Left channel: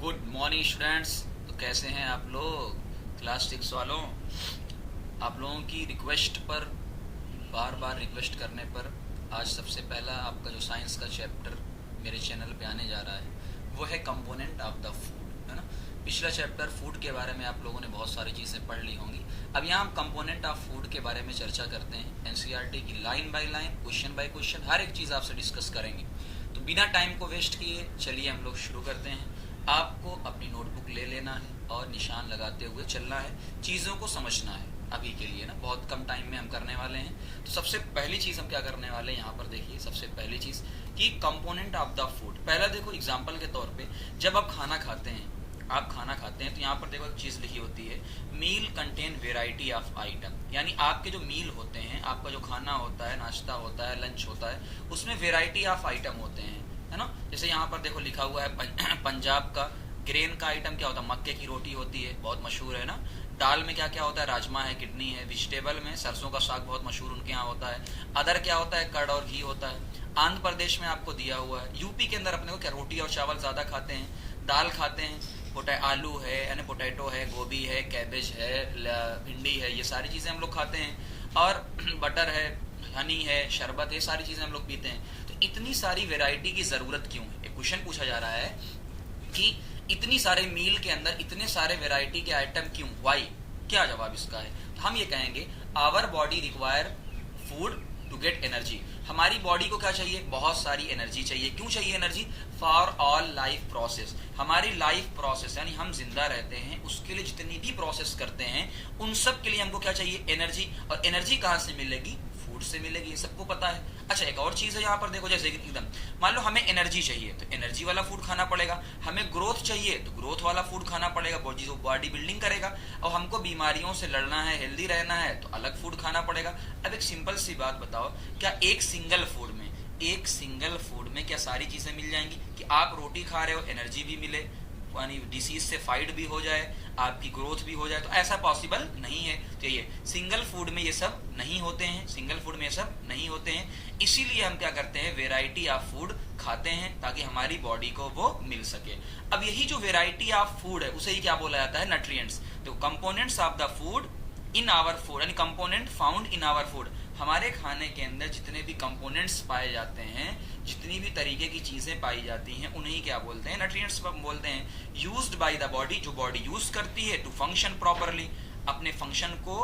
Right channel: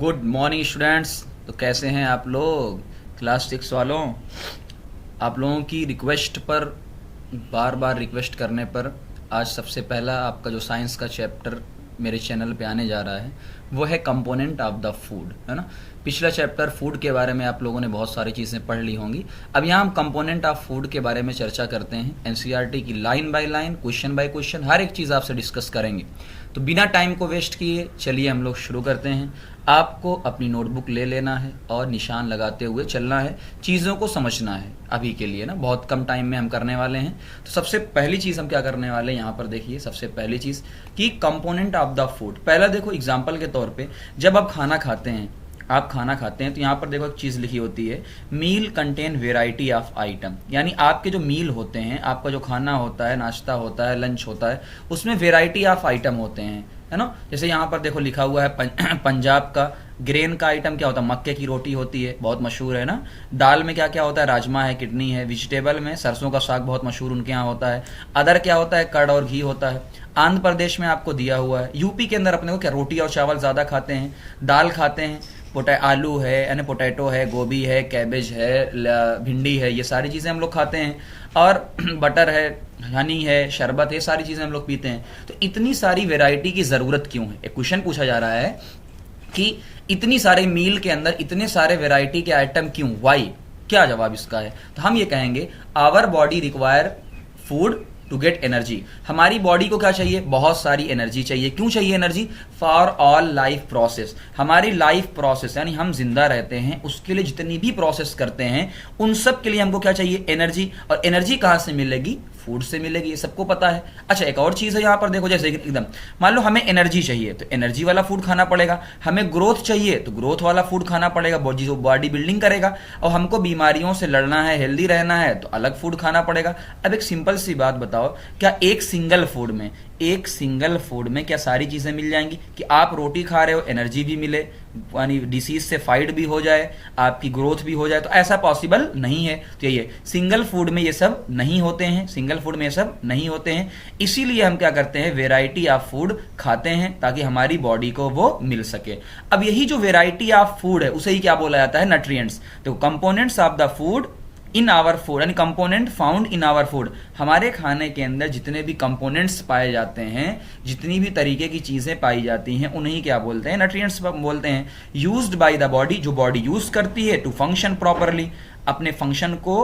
Good morning students. तो कैसे हैं आप लोग क्लास 6 वालों? आप लोगों की रिक्वेस्ट पर, बार बार रिक्वेस्ट करने पर आज सबसे पहला आपका जो साइंस का चैप्टर मेरे चैनल पे आने जा रहा है वो है कंपोनेंट ऑफ द फूड, है ना। पिछला चैप्टर फूड के बारे में आप लोगों ने बहुत सारी चीजें पढ़ ली होंगी। अब यहाँ हम कंपोनेंट ऑफ फूड के बारे में चर्चा करते हैं। एनसीईआरटी की line by line, question by question हर एक चीज आपसे डिस्कस करेंगे। तो बिना टाइम को वेस्ट किए चलिए हम लोग शुरू करते हैं। आपको अपनी नोटबुक ले लेना है और निशान लगाते हुए चलना है, चीजों को समझना है। अभी के लिए ना बहुत कम टाइम में हम करने वाले हैं। तो सबसे पहली चीज हम क्या करने वाले हैं, यहाँ पर देखिए। सबसे पहली चीज कि कंपोनेंट ऑफ द फूड। पहला देखो एग्जांपल के तौर पे, जब आप खाना खाते हैं तो यहाँ पर देखो एक चीज लिखी होती है, मील कंटेन वेराइटी ऑफ आइटम। यानी आपके जो मील होते हैं, आपका जो खाना होता है, नाश्ता होता है, लंच होता है, उसमें वेराइटी ऑफ आइटम होते हैं, है ना। जैसे यहाँ पर देखो लिखा हुआ है पंजाब का ग्रेन का आइटम क्या होता है, मक्के की रोटी होती है, बहुत मशहूर है ना। दाल में क्या क्या होता है, राजमा है, किडनी है। वेजिटेबल में सरसों का साग बहुत मशहूर उनके यहाँ होता है। अदर क्या होता है, कर्ड और घी होता है। आंध्र प्रदेश में आपको दिया हुआ है। यूपी के अंदर अपने को क्या रोटी और चावल ज्यादा खाते हैं, दाल खाते हैं, आलू है यानी पोटैटो है, गोभी है, कैबेज है, भिंडी है, ये सारी चीजें हम लोग खाते हैं। और बटर है, हनी है, शरबत है, सारी चीजें हम लोग पीते हैं। तो इतनी सारी वैरायटी की जरूरत क्यों है? एक क्वेश्चन पूछा जा रहा है कि इतनी सारे मील के अंदर इतने सारे वैरायटी के आइटम क्यों, वाई? क्या जवाब इसका है? तो हम ये कहेंगे our body require food to get energy. हमारी बॉडी को क्या चाहिए? बहुत सारी एनर्जी चाहिए। क्यों चाहिए energy? For all life process. हमारी लाइफ प्रोसेस यानी हम जिंदा रहते हैं, उसके लिए जितनी भी प्रोसेस करते हैं उन सब के लिए हमको क्या चाहिए? एनर्जी। और एनर्जी कहां से मिलेगी? फूड से मिलेगी, ये सबको पता है। अच्छा, एक और चीज है यहाँ पर देखो, जैसे एकदम मान लो हमें एनर्जी चाहिए तो एनर्जी वाला फूड खाना पड़ेगा। हमें ग्रोथ चाहिए तो ग्रोथ वाला फूड खाना पड़ेगा, जो बॉडी बिल्डिंग करेगा। और हमको बीमारियों से लड़ना है, हेल्दी रहना है, तो अलग फूड खाना पड़ेगा। अब एक सिंपल सी बात बताओ, क्या एक सिंगल फूड में क्या सारी चीजें मिल जाएंगी? कि आप रोटी खा रहे हो, एनर्जी भी मिले, यानी डिसीज से फाइट भी हो जाए, आपकी ग्रोथ भी हो जाए, तो ऐसा पॉसिबल नहीं है। तो ये सिंगल फूड में ये सब नहीं होते हैं। इसीलिए हम क्या करते हैं, वेराइटी ऑफ फूड खाते हैं ताकि हमारी बॉडी को वो मिल सके। अब यही जो वेराइटी ऑफ फूड है उसे ही क्या बोला जाता है? न्यूट्रिएंट्स। तो components of the food in our food, यानी component found in our food. हमारे खाने के अंदर जितने भी कंपोनेंट्स पाए जाते हैं, जितनी भी तरीके की चीजें पाई जाती हैं, उन्हें क्या बोलते हैं? न्यूट्रिएंट्स बोलते हैं। यूज्ड बाय द बॉडी, जो बॉडी यूज करती है, टू फंक्शन प्रॉपरली, अपने फंक्शन को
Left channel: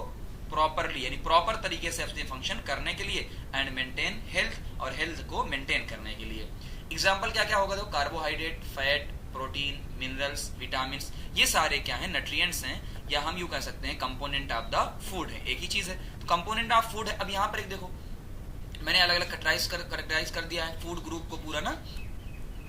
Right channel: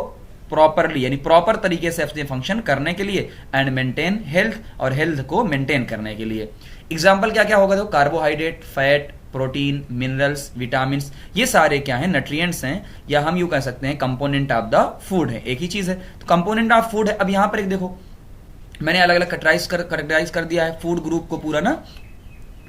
प्रॉपरली यानी प्रॉपर तरीके से अपने फंक्शन करने के लिए, एंड मेंटेन हेल्थ, और हेल्थ को मेंटेन करने के लिए। एग्जाम्पल क्या क्या होगा? तो carbohydrate, fat, protein, minerals, vitamin, ये सारे क्या है? न्यूट्रिएंट्स हैं, या हम यूं कह सकते हैं कंपोनेंट ऑफ द फूड है। एक ही चीज है, तो कंपोनेंट ऑफ फूड है। अब यहां पर एक देखो, मैंने अलग अलग कैटेगराइज कर दिया है फूड ग्रुप को पूरा ना।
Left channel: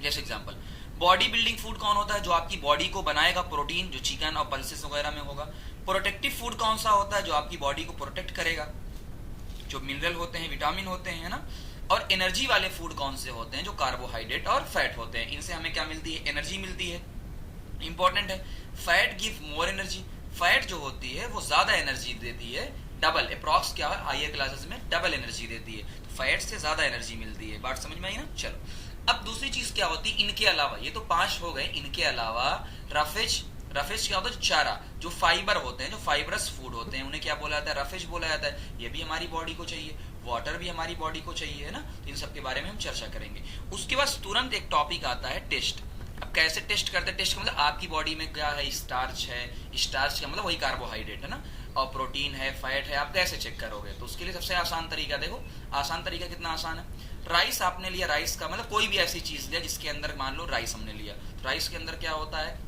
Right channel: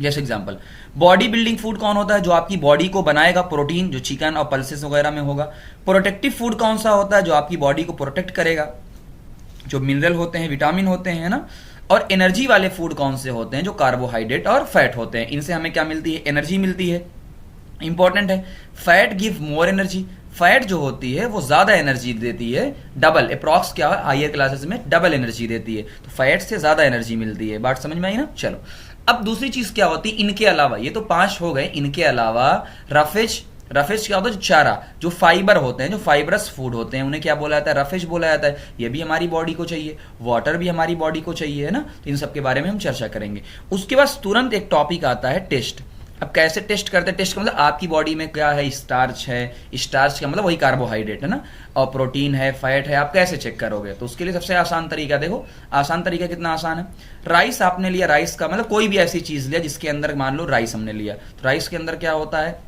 जैसे एग्जांपल, बॉडी बिल्डिंग फूड कौन होता है? जो आपकी बॉडी को बनाएगा, प्रोटीन, जो चिकन और पल्सेस वगैरह में होगा। प्रोटेक्टिव फूड कौन सा होता है? जो आपकी बॉडी को प्रोटेक्ट करेगा, जो मिनरल होते हैं, विटामिन होते हैं, है ना। और एनर्जी वाले फूड कौन से होते हैं? जो कार्बोहाइड्रेट और फैट होते हैं। इनसे हमें क्या मिलती है? एनर्जी मिलती है। इंपॉर्टेंट है, fat give more energy. Fat जो होती है वो ज्यादा एनर्जी देती है, डबल, अप्रॉक्स क्या है, हायर क्लासेस में डबल एनर्जी देती है। तो फैट से ज्यादा एनर्जी मिलती है। बात समझ में आई ना? चलो, अब दूसरी चीज क्या होती है इनके अलावा? ये तो 5 हो गए। इनके अलावा रफेज क्या होता है? चारा, जो फाइबर होते हैं, जो फाइबरस फूड होते हैं, उन्हें क्या बोला जाता है? रफेज बोला जाता है। ये भी हमारी बॉडी को चाहिए। वाटर भी हमारी बॉडी को चाहिए, है ना। इन सब के बारे में हम चर्चा करेंगे। उसके बाद तुरंत एक टॉपिक आता है टेस्ट। अब कैसे टेस्ट करते हैं? टेस्ट का मतलब आपकी बॉडी में क्या है? स्टार्च है, स्टार्च का मतलब वही कार्बोहाइड्रेट है ना, और प्रोटीन है, फैट है, आप कैसे चेक करोगे? तो उसके लिए सबसे आसान तरीका देखो, आसान तरीका कितना आसान है। राइस आपने लिया, राइस का मतलब कोई भी ऐसी चीज लिया जिसके अंदर मान लो राइस हमने लिया, तो राइस के अंदर क्या होता है?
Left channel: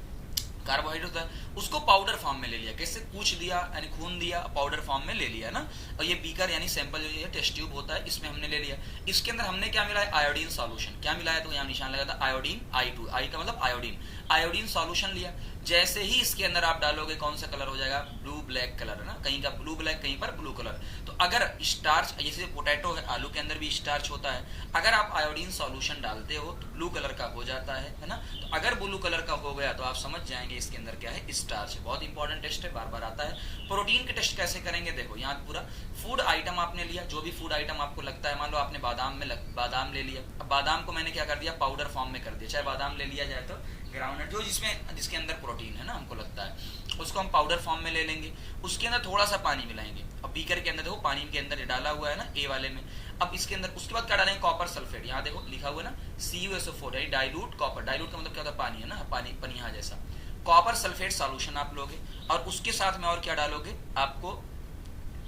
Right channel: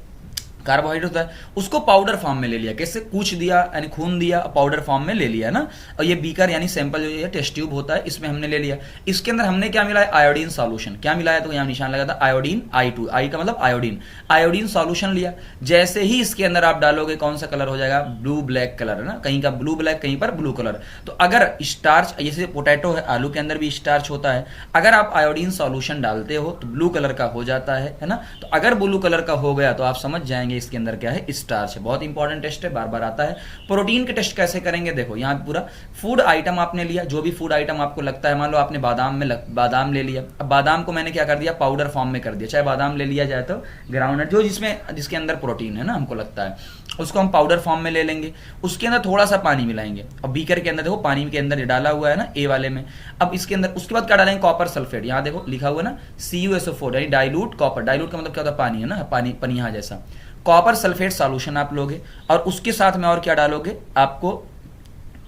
कार्बोहाइड्रेट होता है। उसको पाउडर फॉर्म में ले लिया, कैसे? कूच दिया यानी खून दिया, पाउडर फॉर्म में ले लिया ना। और ये बीकर यानी सैंपल जो है, टेस्ट ट्यूब होता है, इसमें हमने ले लिया। इसके अंदर हमने क्या मिला है? Iodine solution. क्या मिला है? तो यहाँ निशान लगा था आयोडीन, I2, आई का मतलब आयोडीन। आयोडीन सॉल्यूशन लिया। जैसे ही इसके अंदर आप डालोगे, कौन सा कलर हो जाएगा? ब्लू ब्लैक कलर, है ना। कहीं का ब्लू ब्लैक, कहीं पर ब्लू कलर। तो अगर स्टार्च, जैसे पोटैटो है, आलू के अंदर भी स्टार्च होता है, अगर आप आयोडीन सॉल्यूशन डालते हो तो ब्लू कलर का हो जाता है ना। तो अगर ब्लू कलर का हो गया तो आप समझ जाएंगे इसके अंदर क्या है, स्टार्च है। बहुत इंपॉर्टेंट टेस्ट है, बार बार आता है। प्रोटीन के टेस्ट कैसे करेंगे, देखो यहाँ पूरा फूड आइटम आपने लिया, जो भी फूड आइटम आपको लगता है, मान लो आपने बादाम ले लिया। अब बादाम को मैंने क्या कर दिया, पाउडर फॉर्म में कर दिया। चाहे बादाम ले लिया जाए तो ग्राउंडनट, जो जिसके अंदर प्रोटीन है ना हमको लगता है, उसको हम पाउडर फॉर्म में ले लेंगे। उसके अंदर थोड़ा सा पानी मिलाएंगे। अब बीकर के अंदर देखो पानी के अंदर डाला हुआ है ना, ए वाले में। अब इसके अंदर उसके बाद क्या डालेंगे, कॉपर सल्फेट। यहाँ देखो लिखा हुआ ना CuSO4, यानी डाइल्यूट कॉपर। डाइल्यूट का मतलब क्या होता है, पानी है ना, पानी पनिया जैसा। कॉपर सल्फेट सॉल्यूशन आप लोगे, और उसके साथ में और क्या डालोगे, आपको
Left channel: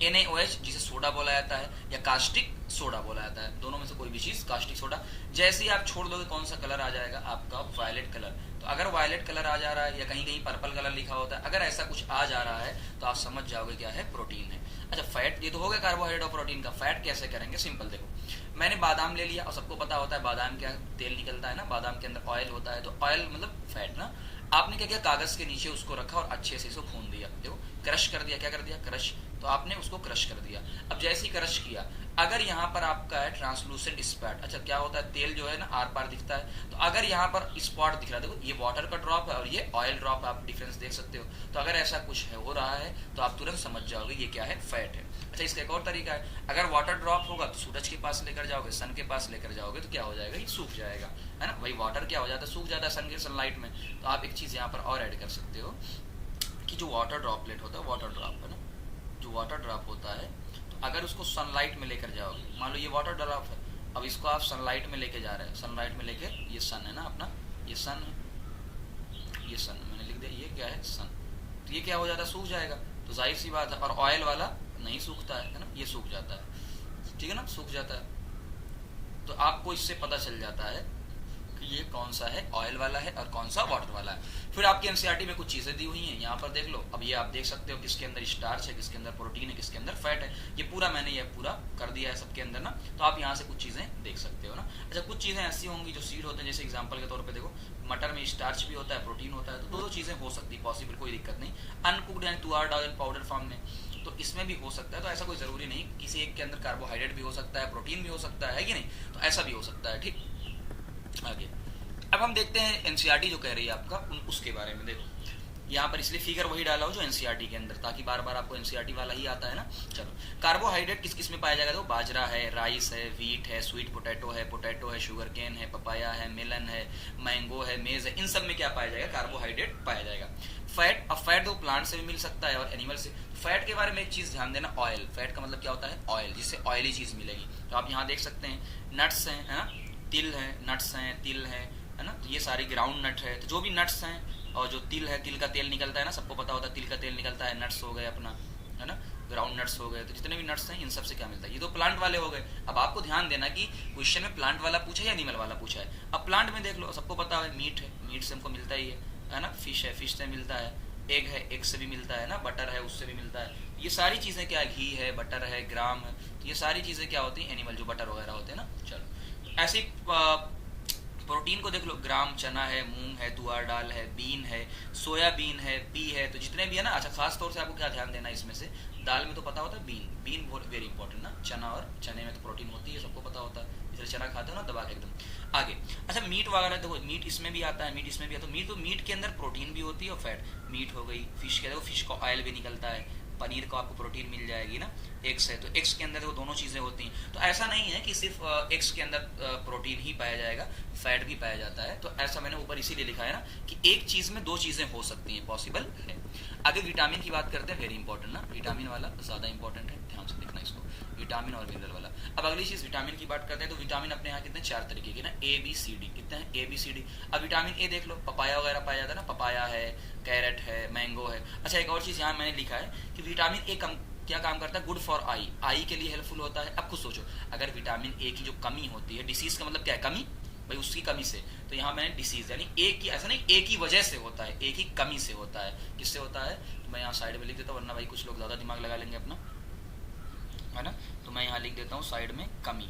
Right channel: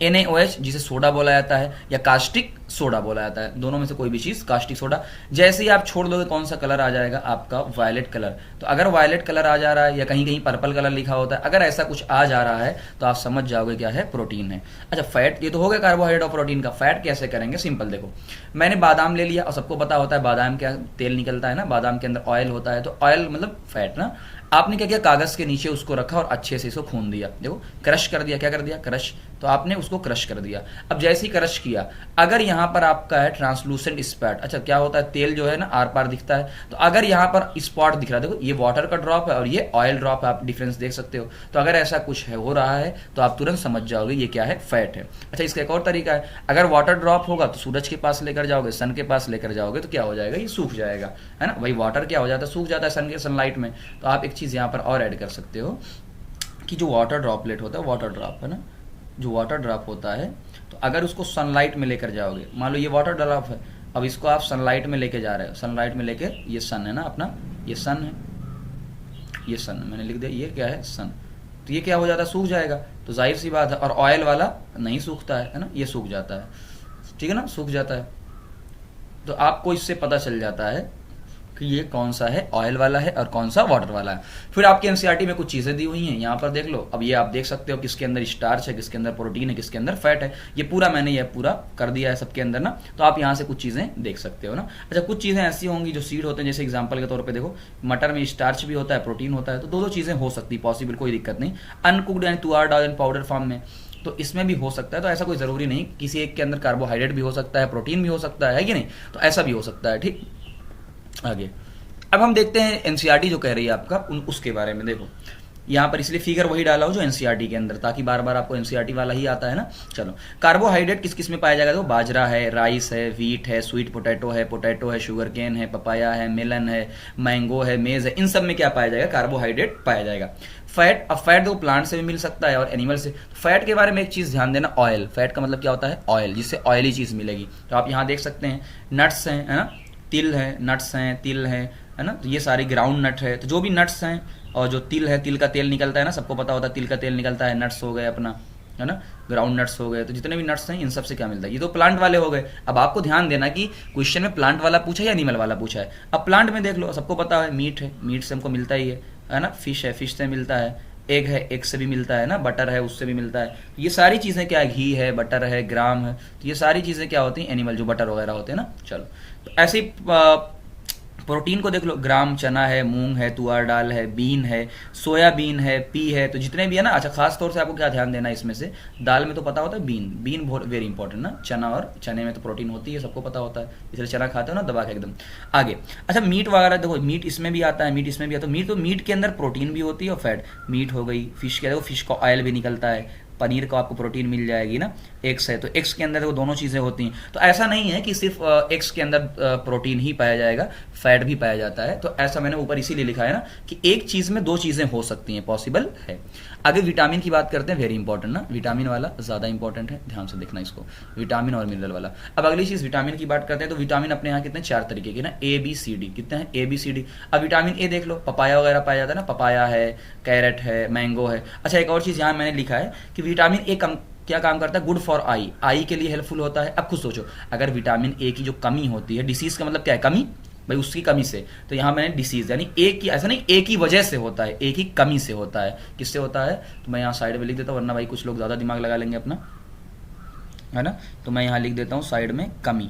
NaOH, जिसे सोडा बोला जाता है या कास्टिक सोडा बोला जाता है, दोनों में से कोई भी चीज, कास्टिक सोडा। जैसे ही आप छोड़ दोगे कौन सा कलर आ जाएगा आपका, वायलेट कलर। तो अगर वायलेट कलर आ जा रहा है, या कहीं कहीं पर्पल कलर लिखा होता है, अगर ऐसा कुछ आ जा रहा है तो आप समझ जाओगे क्या है, प्रोटीन है। अच्छा, फैट, ये तो हो गया कार्बोहाइड्रेट और प्रोटीन का। फैट कैसे करेंगे, सिंपल देखो, मैंने बादाम ले लिया, और सबको पता होता है बादाम क्या तेल निकलता है ना, बादाम के अंदर ऑयल होता है, तो ऑयल मतलब फैट ना। आपने क्या किया, कागज के नीचे उसको रखा और अच्छे से इसको खून दिया, देखो क्रश कर दिया। क्या कर दिया, क्रश। तो आपने उसको क्रश कर दिया। अब जैसे ही क्रश किया, अगर यहां पर आपका है ट्रांसलूसेंट स्पॉट, अच्छा क्या होता है, तेल जो है ना आर पार दिखता है, तो अगर यहां पर स्पॉट दिख रहा है, देखो ये वाटर का ड्रॉप है और ये ऑयल ड्रॉप है, आप डिफरेंस देख सकते हो। तो अगर ऐसा कुछ है, हो रहा है, तो आप तुरंत समझ जाओगे ये क्या है, फैट है। अच्छा, इसका एक और तरीका है, अगर वाटर ड्रॉप होगा तो सूरज के पास लेकर जाओगे, सन के पास लेकर जाओगे, तो क्या हो जाएगा, ये सूख जाएगा, है ना। वही वाटर क्या हो जाता है, सूख जाता है सन के सनलाइट में। तो आप एक चीज यहाँ पर और ऐड कर सकते हो कि जो वाटर ड्रॉपलेट होता है, वाटर ड्रॉप है ना, जो वाटर ड्रॉप होता है, तो अगर उसको सनलाइट में लेकर जाओगे, मान लो ये वाटर ड्रॉप है, अब इसको आप सनलाइट में लेके जा रहे हो, सनलाइट में लेके, ये सन है ना अपना, ये सन है, ये सन मैंने लिख दिया, ये क्या है, सन। तो ये क्या हो जाता है, सूख जाएगा। तो जाहिर सी बात है, और ऑयल वाला नहीं सूखता है ना, ये सूख जाता है, ठीक है ना, सूख जाता है। तो आपको इससे पता चल जाता है कि ये कौन सा है, ऑयल वाला है और कौन सा वाटर वाला है। फिर आपके एनसीईआरटी में कुछ चीजें दी हुई हैं, यहाँ पर देख लो। अब ये आप देख सकते हो किसके अंदर स्टार्च है, किसके अंदर प्रोटीन है, किसके अंदर फैट है। ये पूरा मैंने ये पूरा कर दिया है सबके अंदर ना, तो आप यहाँ से कुछ चीजें देख सकते हो ना। अच्छा, कुछ चीजें ऐसी होंगी जो सीड होते हैं, जैसे एग्जाम्पल के तौर पर देखो, मटर में स्टार्च भी होता है, प्रोटीन होता है, तो दो चीजें हो सकती है, पॉसिबल, कोई दिक्कत नहीं। अनकुक्ड यानी तुअर दाल इन पाउडर फॉर्म में, तो इसमें भी हो सकता है। तो ऐसा कोई जरूरी नहीं, किसी एक के अंदर कार्बोहाइड्रेट भी हो सकता है, प्रोटीन भी हो सकता है कि नहीं, तो ऐसा भी हो सकता है। ठीक, आगे अब हम देखते हैं एनसीईआरटी जो कह रही है आपका उसके बारे में। देखो यहाँ पर इसलिए फिगर वही डाला हो जो एनसीईआरटी के अंदर, ताकि बार बार आपको एनसीईआरटी वाला ही आता है ना। चलो, कार्बोहाइड्रेट किस किस में पाया जाएगा, तो बाजरा है, राइस है, व्हीट है, स्वीट पोटैटो है, शुगर केन है, पपाया है, मेलन है, मैंगो है, मेज है, इन सब में क्या पाया जाएगा, कार्बोहाइड्रेट पाया जाएगा। फैट, अब फैट देखो प्लांट से भी मिल सकता है और एनिमल से। फैट के बारे में एक चीज ध्यान देना, ऑयल, फैट का मतलब क्या होता है, ऑयल, जिससे ऑयली चीज मिलेगी। तो आप यहाँ देख सकते हैं नट्स हैं, है ना, तिल है, नट्स हैं, तिल है ना, तो ये सारी ग्राउंड नट है। तो जो भी नट्स हैं और जो तिल है, तिल का तेल निकलता है ना, सबको पता होता है तिल का तेल निकलता है, नट्स हो गए अपना, है ना, ग्राउंड नट्स हो गए। तो जितने भी नट्स हैं इन सब से क्या मिलता है, ये तो प्लांट वाले हो गए। अब आपको ध्यान देना कि क्वेश्चन में प्लांट वाला पूछा है या एनिमल वाला पूछा है। अब प्लांट में देख लो, सबको पता है मीट है, मीट से हमको मिलता ही है ना, फिश है, फिश से मिलता है, एग है, एग से भी मिलता है ना, बटर है, उससे भी मिलता है। ये सारी चीजें क्या है, घी है, बटर है, ग्राम है, तो ये सारी चीजें क्या होती हैं, एनिमल जो बटर वगैरह होते हैं ना। चलो, तो ऐसे ही प्रोटीन को देख लो, ग्राम चना है, मूंग है, तुअर दाल है, बीन है, सोयाबीन है, पी है, तो जितने भी है ना। अच्छा, खास तौर से आपको क्या ध्यान देना है इसमें से, दाल में तो पता होता है बीन, बीन बहुत वेरी इंपॉर्टेंट ना, चना, और चने में तो प्रोटीन होती है, सबको पता होता है, इसलिए चना खाते हो ना दबा के एकदम। आगे, अच्छा मीट वगैरह देखो, मीट इसमें भी आता है, मीट इसमें भी आता है। मीट, तो मीट के अंदर प्रोटीन भी होती है और फैट, मीट हो गई। फिश के देखो, फिश का ऑयल भी निकलता है, पनीर को आपको प्रोटीन मिल जाएगी ना। एग्स है, तो एग्स के अंदर वो दोनों चीजें होती हैं। तो ऐसा नहीं है कि सिर्फ एग्स के अंदर प्रोटीन ही पाया जाएगा, फैट भी पाया जाता है। तो ऐसा मैंने ऊपर इसीलिए लिखा है ना कि एक चीज में दो चीजें हो सकती हैं, पॉसिबल है। आगे विटामिन की बात करते हैं, वेरी इंपॉर्टेंट ना, विटामिन वाला ज्यादा इंपॉर्टेंट है, ध्यान से देखना इसको, विटामिन और मिनरल वाला। अब अगली चीज विटामिन की बात करते हैं, तो विटामिन अपने यहाँ कितने, 4 तरीके के ना, ABCD, कितने हैं, ABCD। अब विटामिन ए देख लो, पपाया वगैरह पाया जाता है ना, पपाया है, कैरेट है, मैंगो है। अच्छा, एक और चीज यहाँ मैंने लिखा है कि विटामिन ए क्या काम करता है, गुड फॉर आई, आई के लिए हेल्पफुल होता है। अब खुद सोचो, अगर विटामिन ए की जो कमी होती है, डिसीज का मतलब क्या है, कमी, भाई उसकी कमी से, तो यहां मैंने डिसीज यानी एक की, ऐसा नहीं एक ही वजह से होता है, एक ही कमी से होता है। किससे होता है, तो मैं यहाँ साइड में लिख देता हूँ, वरना भाई कुछ लोग ज्यादा दिमाग लगा लेंगे अपना, है ना। तो मैं यहाँ लिख देता हूँ साइड में कमी।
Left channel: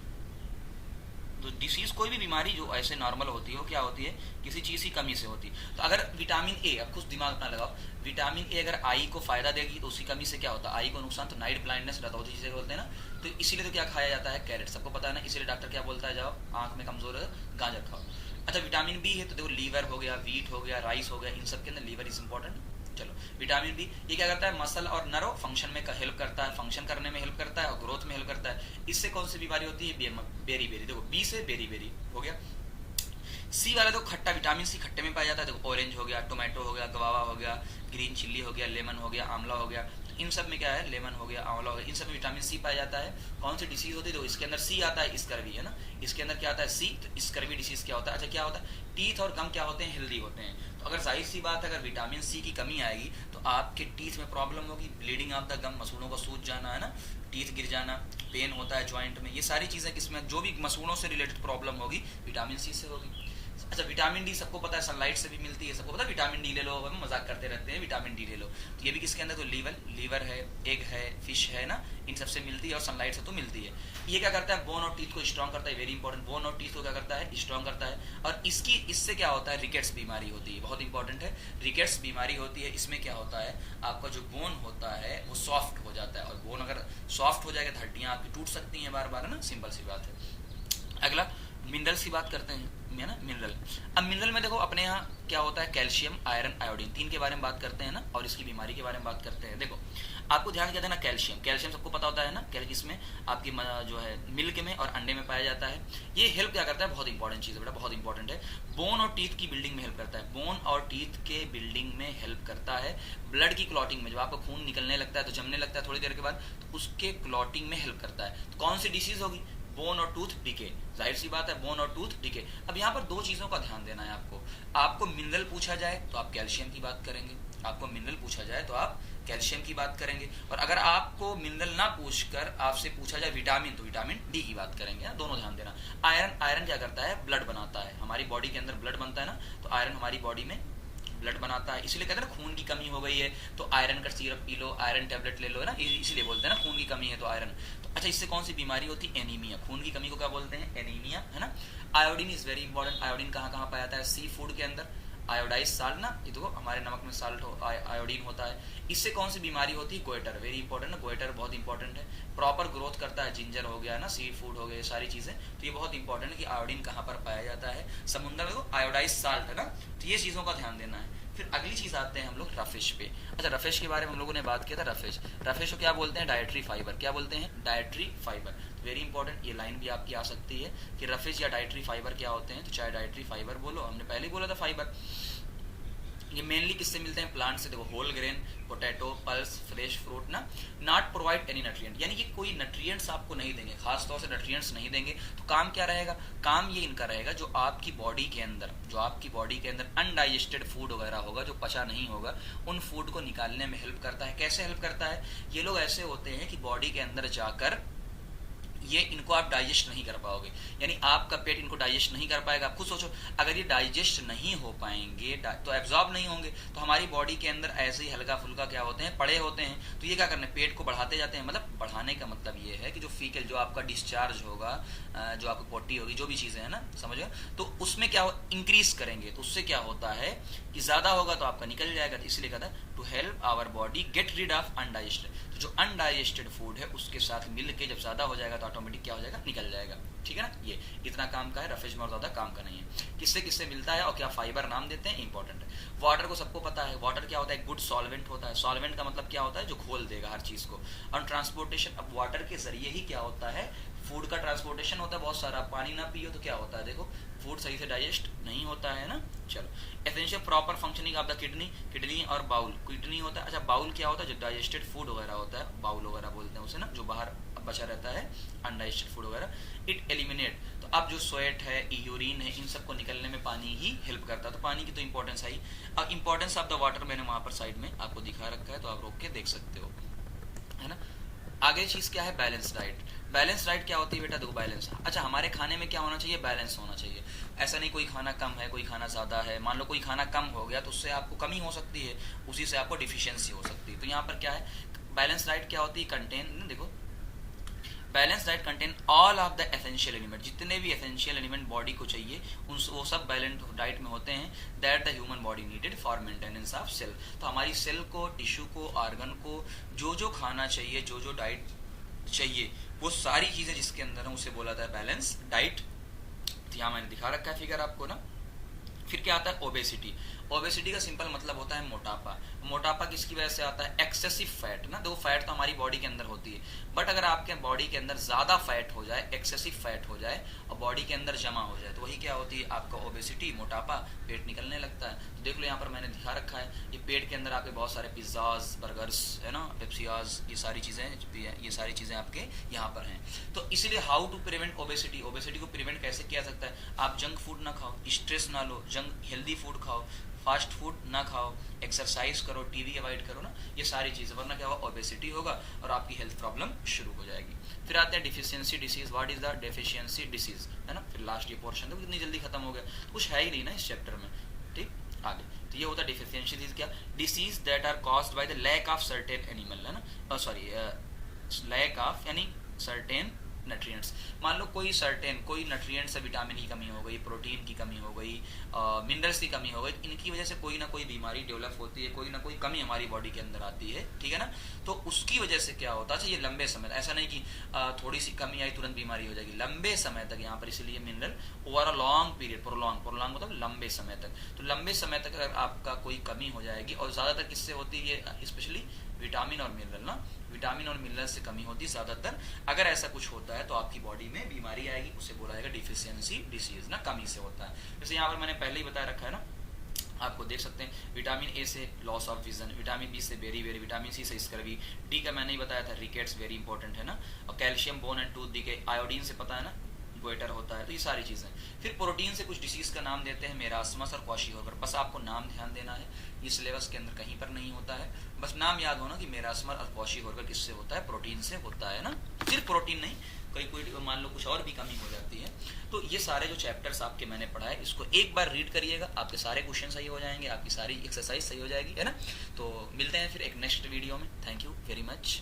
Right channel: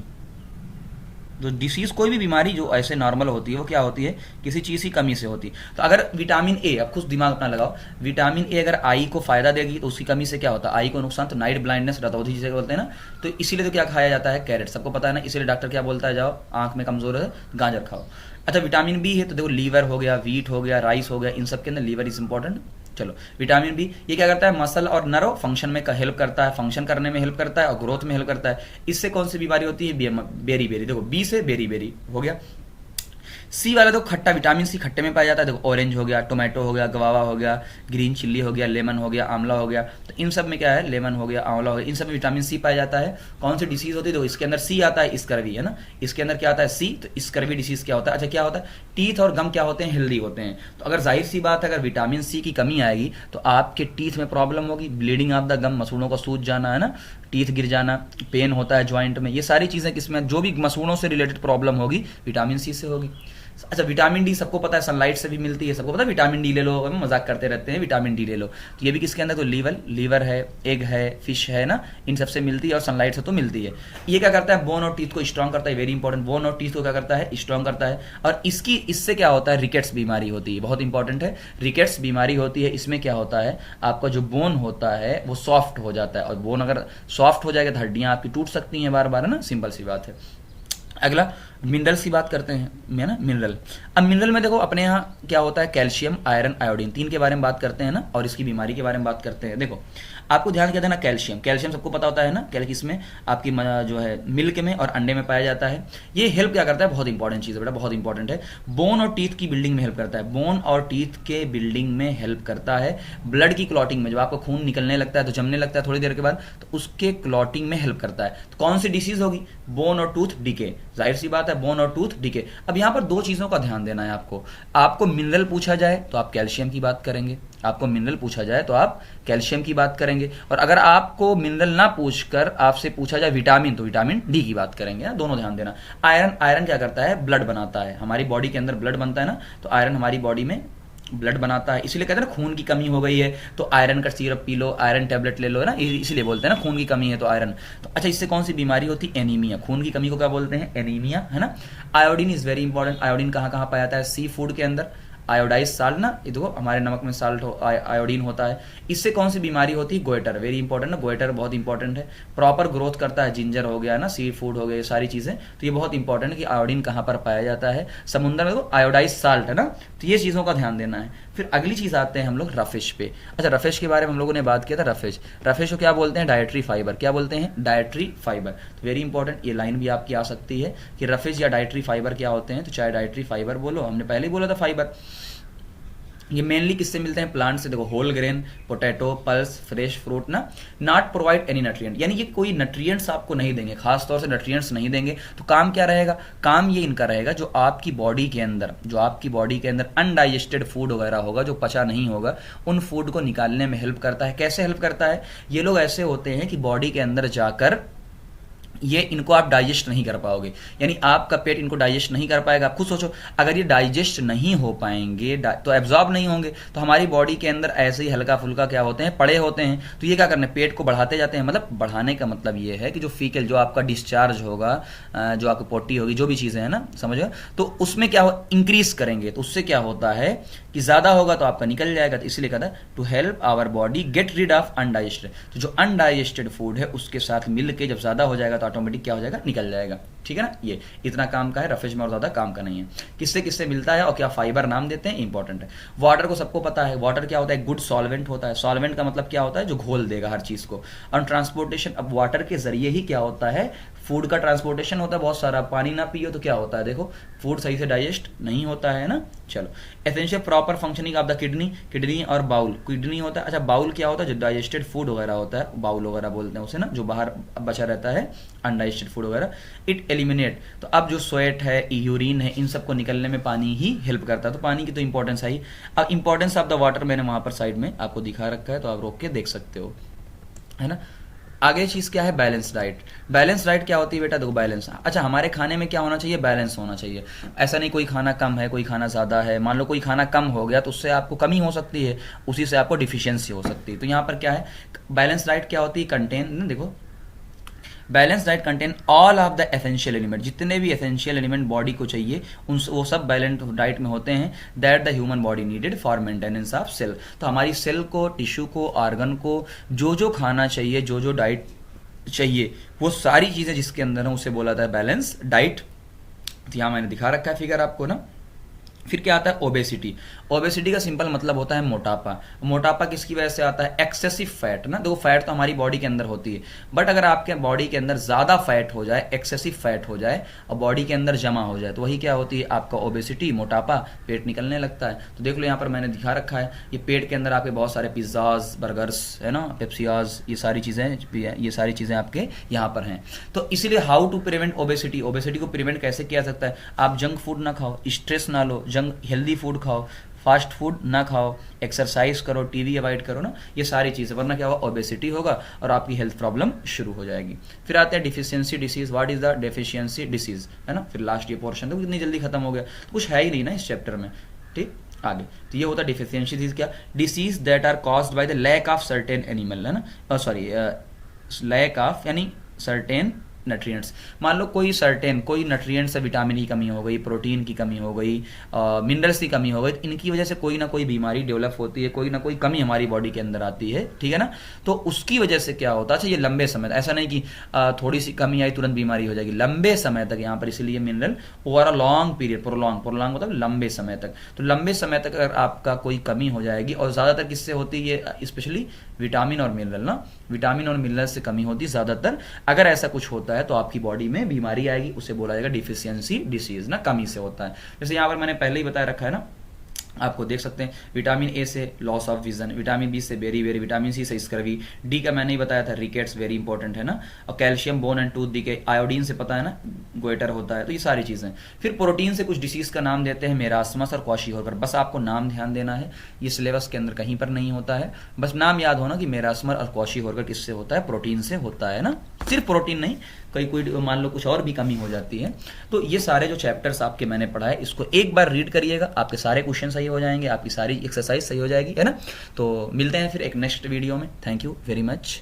जो डिसीज, कोई भी बीमारी जो ऐसे नॉर्मल होती है, वो क्या होती है, किसी चीज की कमी से होती है। तो अगर विटामिन ए, अब खुद दिमाग अपना लगाओ, विटामिन ए अगर आई को फायदा देगी तो उसकी कमी से क्या होता है, आई को नुकसान, तो नाइट ब्लाइंडनेस, रतौंधी जिसे बोलते हैं ना। तो इसीलिए तो क्या खाया जाता है, कैरेट, सबको पता है ना। इसीलिए डॉक्टर क्या बोलता है, जाओ आंख में कमजोर है गाजर खाओ। अच्छा विटामिन बी है तो देखो लीवर हो गया, वीट हो गया, राइस हो गया, इन सब के अंदर लीवर इज इंपॉर्टेंट। चलो विटामिन बी ये क्या करता है, मसल और नर्व फंक्शन में हेल्प करता है, फंक्शन करने में हेल्प करता है और ग्रोथ में हेल्प करता है। इससे कौन सी बीमारी होती है, बेरी बेरी, देखो बी से बेरी बेरी हो गया। सी वाला तो खट्टा, विटामिन सी खट्टे में पाया जाता है, देखो ऑरेंज हो गया, टोमेटो हो गया, गवावा हो गया, ग्रीन चिल्ली हो गया, लेमन हो गया, आंवला हो गया, तो इन सब में क्या है, लेमन हो गया, आंवला हो गया, इन सब में विटामिन सी पाया जाता है। कौन सी डिसीज होती है, तो इसके अंदर सी आता है, स्कर्वी है ना, इसके अंदर क्या आता है सी, तो स्कर्वी डिसीज क्या होता है। अच्छा क्या होता है, टीथ और गम क्या होते हैं, हेल्दी होते हैं। तो अगर जाहिर सी बात है अगर विटामिन सी की कमी आएगी तो आपके टीथ में प्रॉब्लम होगी, ब्लीडिंग ऑफ द गम, मसूड़ों का सूज जाना है ना, टीथ गिर जाना, पेन होता है ज्वाइंट में, ये सारी चीजें किसमें, जो भी मसूड़ों से रिलेटेड प्रॉब्लम होगी विटामिन सी से होगी। अच्छा विटामिन डी सबको पता है सनलाइट से भी मिलती है, सबको पता है विटामिन डी ले लो, हम मजाक करते रहते हैं विटामिन डी ले लो, तो ये भी किसके अंदर, तो लीवर है, एग है, फिश है ना, इन सबसे मिलती है और सनलाइट से तो मिलती है। ये क्या करता है, बोन और टीथ को स्ट्रांग करता है, वेरी इंपॉर्टेंट, बोन और टीथ को क्या करता है, स्ट्रांग करता है। और इससे क्या होता है, रिकेट्स बीमारी होती है, बहुत इंपॉर्टेंट है, रिकेट्स बीमारी होती है। इसमें क्या होता है, आपका जो बोन होता है वो सॉफ्ट हो जाता है, और बोन अगर सॉफ्ट हो जाएगा तो हड्डियां आपकी टूट सकती हैं बार बार, है ना, सिंपल सी बात है। अगला मिनरल्स की बात करते हैं ना, मिनरल। अब मिनरल में देखो अपने यहाँ क्या होता है, कैल्शियम, आयरन, आयोडीन, तीन के बारे में बात करते हैं ना, और इसकी बीमारी के बारे में बात करते हैं। देखो आपको ध्यान क्या देना, कैल्शियम, कैल्शियम सबको पता होता है ना, कैल्शियम इसमें आपकी जो है मिल्क में और अंडे में पाया जाता है। ये हेल्प क्या करता है, बहुत इंपॉर्टेंट चीज है बेटा, बहुत इंपॉर्टेंट है, बोन और टीथ की बिल्डिंग में हेल्प करता है, बोन और टीथ के बिल्डिंग में हेल्प करता है। ब्लड की क्लॉटिंग में, जब आपको खून निकलने लगता है तो जमने लगता है थोड़ी देर के बाद, तो उसके क्लॉटिंग में हेल्प करता है। तो कौन सी डिसीज होगी, बोन और टूथ डिके, जाहिर सी बात है बोन और टूथ डिके। अब यहां पर दो चीजों का ध्यान देना है आपको मिनरल पूछा जाए तो आप कैल्शियम की बात करेंगे, आपको मिनरल पूछा जाए तो आप कैल्शियम की बात करेंगे, और अगर आपको मिनरल ना पूछकर आपसे पूछा जाए विटामिन तो विटामिन डी की बात करेंगे ना, दोनों ध्यान देना। आयरन क्या करता है, ब्लड बनाता है, हमारी बॉडी के अंदर ब्लड बनता है ना, तो आयरन हमारी बॉडी में ब्लड बनाता है, इसीलिए कहते हैं ना खून की कमी हो गई है तो आयरन का syrup P low, iron tablet ले लो ना, इसीलिए बोलते हैं ना खून की कमी है तो आयरन। तो अच्छा इससे कौन सी बीमारी होती है, एनीमिया, खून की कमी को क्या बोलते हैं, एनीमिया, है ना। Iodine is very important, iodine कहाँ कहाँ पाया जाता है, सी फूड के अंदर, आयोडाइज साल्ट ना, ये देखो हमारे नमक में साल्ट आयोडीन होता है। इससे कौन सी बीमारी होती है, गोइटर, वेरी इंपॉर्टेंट ना, गोइटर बहुत इंपॉर्टेंट है, प्रॉपर ग्रोथ करता है, जिंजर हो गया ना, सी फूड हो गए, सारी चीजें, तो ये बहुत इंपॉर्टेंट है कि आयोडीन कहां पर पाया जाता है, समुद्र में, तो आयोडाइज साल्ट है ना, तो ये चीजों का ध्यान देना है। फिर अगली चीज आते हैं हम लोग रफिश पे। अच्छा रफिश के बारे में हम लोगों ने बात किया था, रफिश को क्या बोलते हैं, डायट्री फाइबर, क्या बोलते हैं, डायट्री फाइबर, वेरी इंपॉर्टेंट, ये लाइन भी आपकी आ सकती है कि रफिश या डायट्री फाइबर क्या होते हैं, तो चाहे डायट्री फाइबर बोलो, हमने पहले ही बोला था फाइबर, ये मेनली किससे मिलते हैं, प्लांट से, देखो whole grain, potato, pulse, fresh fruit ना, नॉट प्रोवाइड एनी न्यूट्रिएंट, यानी कि कोई न्यूट्रिएंट्स आपको नहीं देंगे, खास तौर से न्यूट्रिएंट्स नहीं देंगे, तो काम क्या रहेगा, काम ये इनका रहेगा जो आपकी बॉडी के अंदर अनडाइजेस्टेड फूड वगैरह होगा, जो पचा नहीं होगा, उन फूड को निकालने में हेल्प करता है। कैसे हेल्प करता है, ये लोग ऐसे होते हैं कि बॉडी के अंदर जाकर ये इनको आप डाइजेस्ट नहीं कर पाओगे, यानी आपका पेट इनको डाइजेस्ट नहीं कर पाएगा। आप खुद सोचो अगर ये डाइजेस्ट नहीं हो पाएंगे तो एब्जॉर्ब नहीं होंगे, तो हमारी बॉडी के अंदर ऐसे ही हल्का फुल्का क्या होते हैं, पड़े होते हैं, तो ये क्या करने, पेट को बढ़ाते जाते हैं। मतलब बढ़ाने का मतलब ये है कि जो फीकल, जो आपका डिस्चार्ज होगा, जो आपकी पोटी होगी, जो भी चीजें है ना, समझो, तो उसमें क्या हो, इंक्रीज करेंगे, तो उससे क्या होता है कि ज्यादा होगा तो आपका निकल जाएगा, तो इसलिए कहता है to help our body get rid of undigested, तो जो अनडाइजेस्टेड फूड है उसके साथ मिलके जब ज्यादा हो जाएगा तो ऑटोमेटिक क्या हो जाएगा, निकल जाएगा, ठीक है ना। ये इतना काम का है, रफेज में और ज्यादा काम का नहीं है। किससे किससे मिलता है और क्या फाइबर नाम देते हैं, इंपॉर्टेंट है। वाटर को सबको पता है, वाटर क्या होता है, गुड सॉल्वेंट होता है, सॉल्वेंट का मतलब क्या होता है, जो घोल देगा हर चीज को। और ट्रांसपोर्टेशन, अब वाटर के जरिए ही क्या होता है, फूड का ट्रांसपोर्टेशन होता है बहुत सारा, पानी ना पियो तो क्या होता है, देखो फूड सही से डाइजेस्ट नहीं होता है ना। चलो essential proper functioning of the kidney और बाउल, किडनी होता है, अच्छा बाउल क्या होता है, जो डाइजेस्टेड फूड वगैरह होता है, बाउल वगैरह बोलते हैं उसे ना, जो बाहर बचा रहता है अनडाइजेस्टेड फूड वगैरह, इट एलिमिनेट, तो अब जो स्वेट है, यूरिन है, इन सबको निकलने में पानी ही हेल्प करता है, तो पानी की तो इंपॉर्टेंस आई। अब इंपॉर्टेंस ऑफ द वाटर मैंने वहां पर साइड में आपको दिखा रखा है, तो आप रोक के देख सकते हो, है ना। आगे चीज क्या है, बैलेंस डाइट। बैलेंस डाइट क्या होती है बेटा, देखो बैलेंस, अच्छा हमारे खाने में क्या होना चाहिए, बैलेंस होना चाहिए। ऐसा नहीं कोई खाना कम है, कोई खाना ज्यादा है, मान लो कोई खाना कम हो गया तो उससे आपको कमी हो सकती है, उसी से आपको डिफिशियंसी हो सकती है। तो यहाँ पर क्या है, बैलेंस डाइट क्या होती है, कंटेन, देखो balance diet contain all of the essential element, जितने भी एसेंशियल एलिमेंट बॉडी को चाहिए वो सब बैलेंस डाइट में होते हैं, that the human body needed for maintenance of cell. तो हमारी सेल को, टिश्यू को, ऑर्गन को जो जो खाना चाहिए, जो जो डाइट चाहिए, वो सारी चीजें जिसके अंदर है उसे बोला था बैलेंस डाइट। यहां मैंने दिखा रखा है फिगर आपको ना। फिर क्या आता है ओबेसिटी। ओबेसिटी का सिंपल मतलब होता है मोटापा। मोटापा किसकी वजह से आता है? एक्सेसिव फैट ना। देखो फैट तो हमारी बॉडी के अंदर होती है, बट अगर आपके बॉडी के अंदर ज्यादा फैट हो जाए, एक्सेसिव फैट हो जाए और बॉडी के अंदर जमा हो जाए, तो वही क्या होती है? आपका ओबेसिटी, मोटापा, पेट निकलने लगता है। तो देख लो यहाँ पर मैंने दिखा रखा है, ये पेट के अंदर आपके बहुत सारे पिज्जाज, बर्गर्स है ना, पेप्सियाज, ये सारी चीजें आपके यहाँ पर हैं। तो इसीलिए how to prevent obesity, obesity को प्रिवेंट कैसे किया सकता है? आप जंक फूड ना खाओ, स्ट्रेस ना लो, हेल्दी फूड खाओ, फास्ट फूड ना खाओ, एक्सरसाइज करो, टीवी अवॉइड करो ना, ये सारी चीजें, वरना क्या होगा? ओबेसिटी होगा और आपकी हेल्थ प्रॉब्लम शुरू हो जाएगी। फिर आते हैं deficiency disease. What is the deficiency disease, है ना। फिर लास्ट ये पोर्शन तो कितनी जल्दी खत्म हो गया, कुछ है ही नहीं ना इस चैप्टर में। ठीक, आगे तो ये होता है डिफिशियंसी डिसीज। क्या? Disease that are caused by the lack of certain animal, है ना, सॉरी लैक ऑफ यानी सर्टेन न्यूट्रिएंट्स। मान लो कोई न्यूट्रिएंट्स से विटामिन की कमी हो गई, प्रोटीन की कमी हो गई, मिनरल्स की कमी हो गई, तो इनकी वजह से कोई ना कोई बीमारी डेवलप होती है, कोई ना कोई कमी हमारी बॉडी के अंदर आती है, ठीक है ना। तो उसकी वजह से क्या होता है? ये लंबे समय, ऐसा नहीं कि थोड़ी सी कमी आई तुरंत बीमारी हो जाएगी, लंबे समय तक यहाँ पर, इसलिए mineral over a long period, prolong मतलब लंबे समय तक। तो लंबे समय तक अगर आपका कोई कमी हो जाएगी, और ज्यादातर किससे होती है? स्पेशली विटामिन और मिनरल ना, विटामिन और मिनरल से कमी होती है ज्यादातर। अगर ऐसा कुछ होता है तो आपकी बॉडी में बीमारी आएगी, उसे बोला जाएगा डिफिशियंसी डिसीज ना, कमी से होता है। जैसे यहाँ पर मैंने पहले ही बताया रखा है ना, आपको देख सकते हैं विटामिन ए से loss of vision, vitamin B से बेरी, विटामिन सी से स्कर्वी, डी का मैंने ही बताया था रिकेट्स, वेरी इंपॉर्टेंट है ना, और calcium bone and tooth decay, iodine से पता है ना गोइटर होता है। तो ये सारी चीजें। फिर प्रोटीन से कुछ डिसीज का नाम देते हैं, मेरास्मस और क्वाशीहोकर। बस आपको नाम ध्यान देना है, ये सिलेबस के अंदर कहीं पर नहीं होता है, बस नाम याद होना कि मेरास्मस और क्वाशीहोकर किससे होता है? प्रोटीन से होता है ना। सिर्फ प्रोटीन नहीं, कोई मान लो कुछ और भी कमी हो जाती है। तो ये सारे जो चैप्टर्स आपके मैंने पढ़ाए, इसको एक बार रीड करिएगा, आपके सारे क्वेश्चन सही हो जाएंगे, आपकी सारी एक्सरसाइज सही हो जाएगी, है ना। तो मिलते हैं फिर एक नेक्स्ट वीडियो में। Thank you very much.